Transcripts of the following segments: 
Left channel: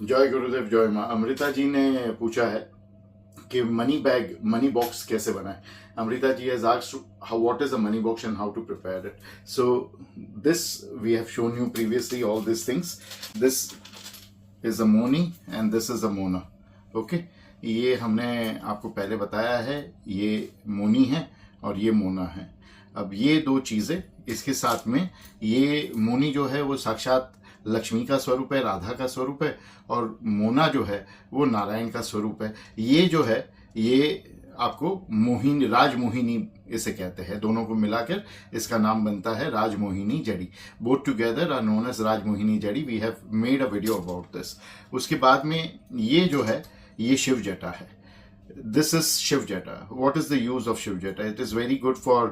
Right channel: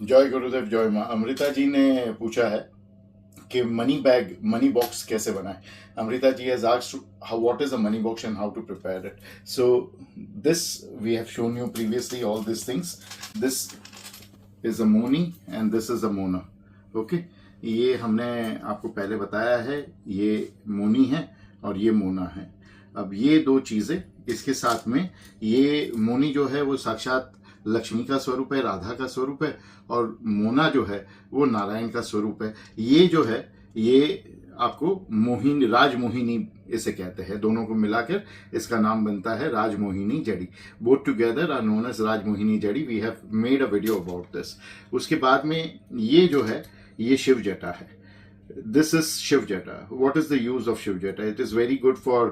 जय गुरुदेव जय माँ। अमृता जी ने पूछा है कि मनी बॉक्स कैसे बनाए। Amrita ji has asked how what is a money box and how to prepare it. So this we have shown you previously all these things. This is a moni and this is a mona. Okay, ये हमने आपको पहले बताया है, ये मोनी है और ये मोना है। अब ये दो चीजें इसके साथ में, ये मोनी जो है वो साक्षात लक्ष्मी का स्वरूप है, राधा का स्वरूप है, और मोना जो है वो नारायण का स्वरूप है। ये जो है ये आपको मोहिनी, राजमोहिनी इसे कहते हैं। दोनों को मिलाकर इसका नाम बनता है राजमोहिनी जड़ी। Both together are known as Rajmohini jadi. We have made a video about this. उसके बाद में ये जो है ये शिव जटा है। This is Shiv Jata. What is the use of Shiv Jata? It is very good for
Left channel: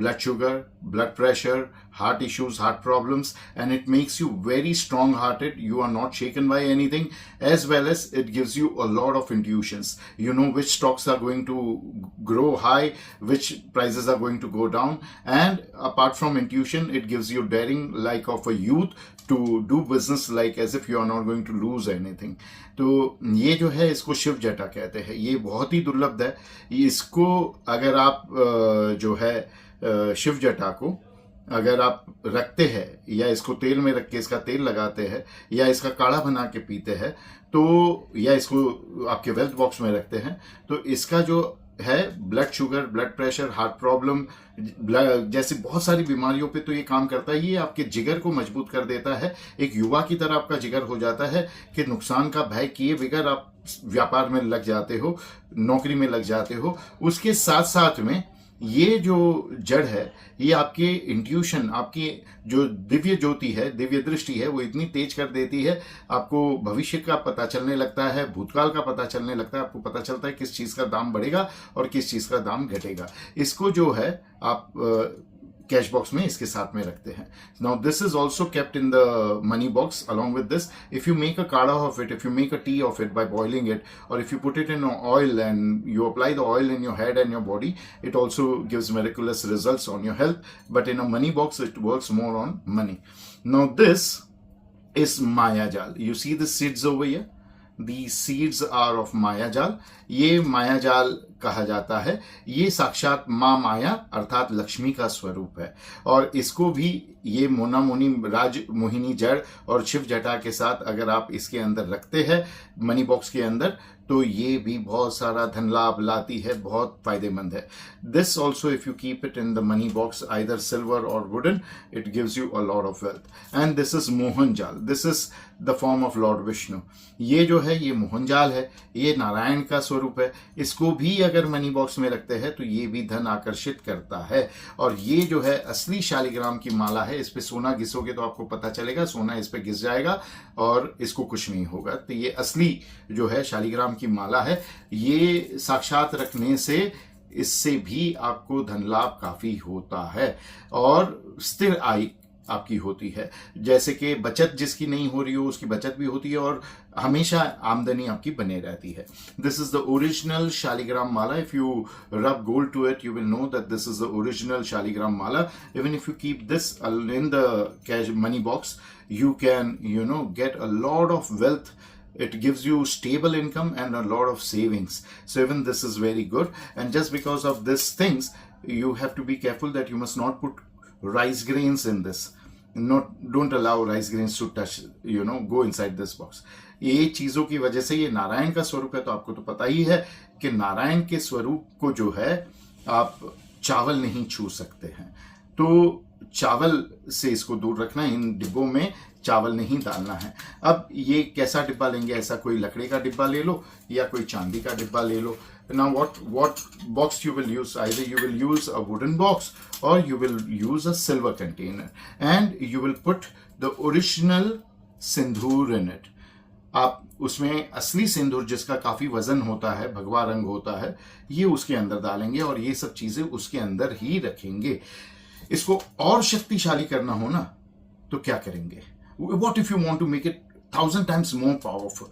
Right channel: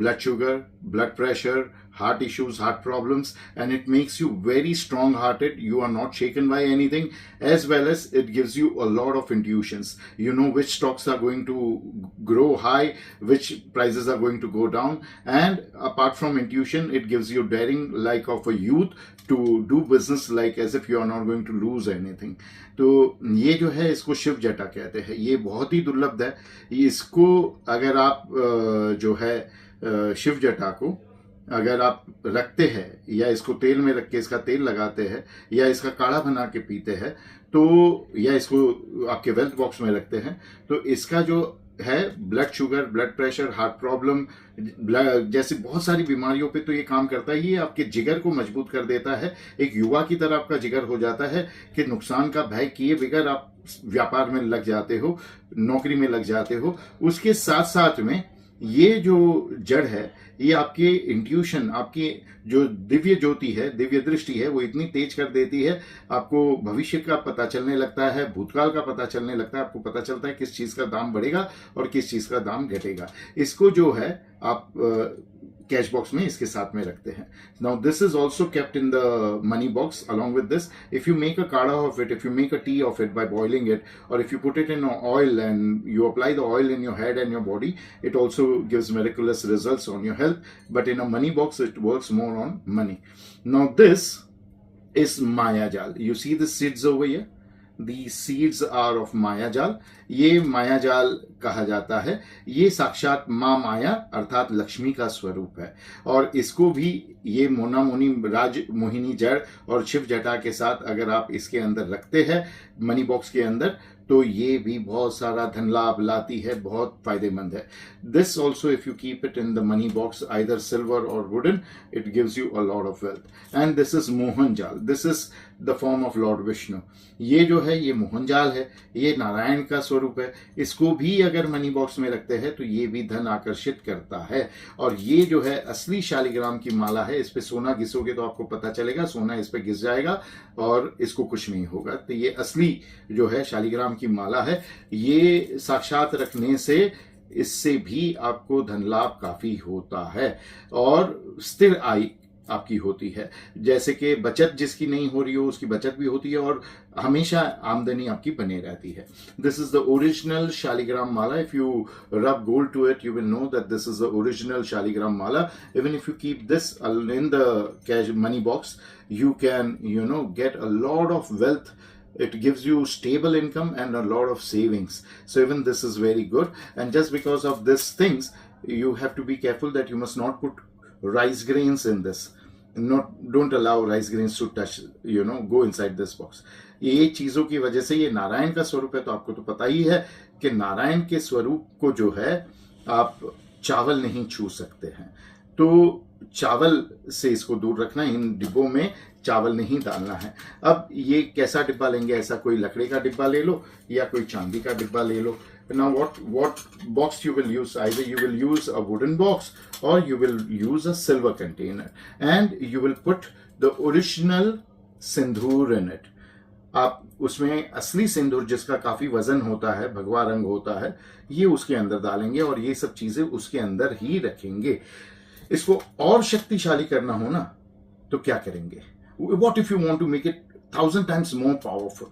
blood sugar, blood pressure, heart issues, heart problems, and it makes you very strong-hearted. You are not shaken by anything, as well as it gives you a lot of intuitions. You know which stocks are going to grow high, which prices are going to go down, and apart from intuition, it gives you daring like of a youth to do business like as if you are not going to lose anything. तो ये जो है इसको शिव जटा कहते हैं। ये बहुत ही दुर्लभ है। इसको अगर आप जो है शिव जटा को अगर आप रखते हैं या इसको तेल में रख के इसका तेल लगाते हैं या इसका काढ़ा बना के पीते हैं तो, या इसको आपके वेल्थ बॉक्स में रखते हैं तो इसका जो है blood sugar, blood pressure, heart problem जैसी बहुत सारी बीमारियों पे तो ये काम करता है। ये आपके जिगर को मजबूत कर देता है। एक युवा की तरह आपका जिगर हो जाता है कि नुकसान का भय किए बगैर आप व्यापार में लग जाते हो, नौकरी में लग जाते हो। उसके साथ साथ में ये जो जड़ है ये आपके इंट्यूशन, आपकी जो दिव्य ज्योति है, दिव्य दृष्टि है, वो इतनी तेज कर देती है, आपको भविष्य का पता चलने लगता है, भूतकाल का पता चलने लगता है। आपको पता चलता है किस चीज का दाम बढ़ेगा और किस चीज का दाम घटेगा। इसको जो है आप कैश बॉक्स में इसके साथ में रखते हैं। Now this is also kept in the money box along with this. If you make a kadha of it, if you make a tea of it by boiling it, और if you put it in oil and you apply the oil in your head and your body, it also gives miraculous results on your health. But in a money box it works more on money. Now this is Maya Jal. You see the seeds over here? These seeds are of Maya Jal. ये माया जाल कहा जाता है। ये साक्षात माँ माया अर्थात लक्ष्मी का स्वरूप है, और इसको भी ये मोना मोनी राज मोहिनी जड़ और शिव जटा के साथ अगर आप इसके अंदर रखते हैं मनी बॉक्स के अंदर तो ये भी बहुत सारा धन लाभ लाती है, बहुत फायदेमंद है। This also if you keep it in the money box either silver or wooden, it gives you a lot of wealth. And this is Mohan jaal. This is the form of lord Vishnu. ये जो है ये मोहन जाल है, ये नारायण का स्वरूप है। इसको भी अगर मनी बॉक्स में रखते हैं तो ये भी धन आकर्षित करता है। और ये जो है असली शालिग्राम की माला है। इस पे सोना घिसोगे तो आपको पता चलेगा, सोना इस पे घिस जाएगा और इसको कुछ नहीं होगा। तो ये असली जो है शालिग्राम की माला है। ये साक्षात रखने से इससे भी आपको धन लाभ काफी होता है और स्थिर आय आपकी होती है। जैसे कि बचत जिसकी नहीं हो रही हो उसकी बचत भी होती है और हमेशा आमदनी आपकी बने रहती है। This is the original Shaligram mala. If you rub gold to it you will know that this is the original Shaligram mala. Even if you keep this in the cash money box you can get a lot of wealth. It gives you stable income and a lot of savings. So even this is very good. And just because of these things you have to be careful that you must not put rice grains in this. Don't allow rice grains to touch, go inside this box. ये चीजों की वजह से ये नारायण का स्वरूप है। तो आपको तो पता ही है कि नारायण के स्वरूप को जो है आप चावल नहीं छू सकते हैं। तो चावल से इसको दूर रखना, इन डिब्बों में चावल नहीं डालना है। अब ये कैसा डिब्बा लेंगे? ऐसा कोई लकड़ी का डिब्बा ले लो या कोई चांदी का डिब्बा ले लो। Now what box you will use? Either you will use a wooden box or you will use a silver container and you will put the original Sindoor in it. आप उसमें असली सिंदूर जिसका काफी वजन होता है, भगवा रंग होता है, ये उसके अंदर डालेंगे और ये सब चीजें उसके अंदर ही रखेंगे। इसको और शक्तिशाली करना हो ना तो क्या करेंगे? What if you want to make it 1000 times more powerful?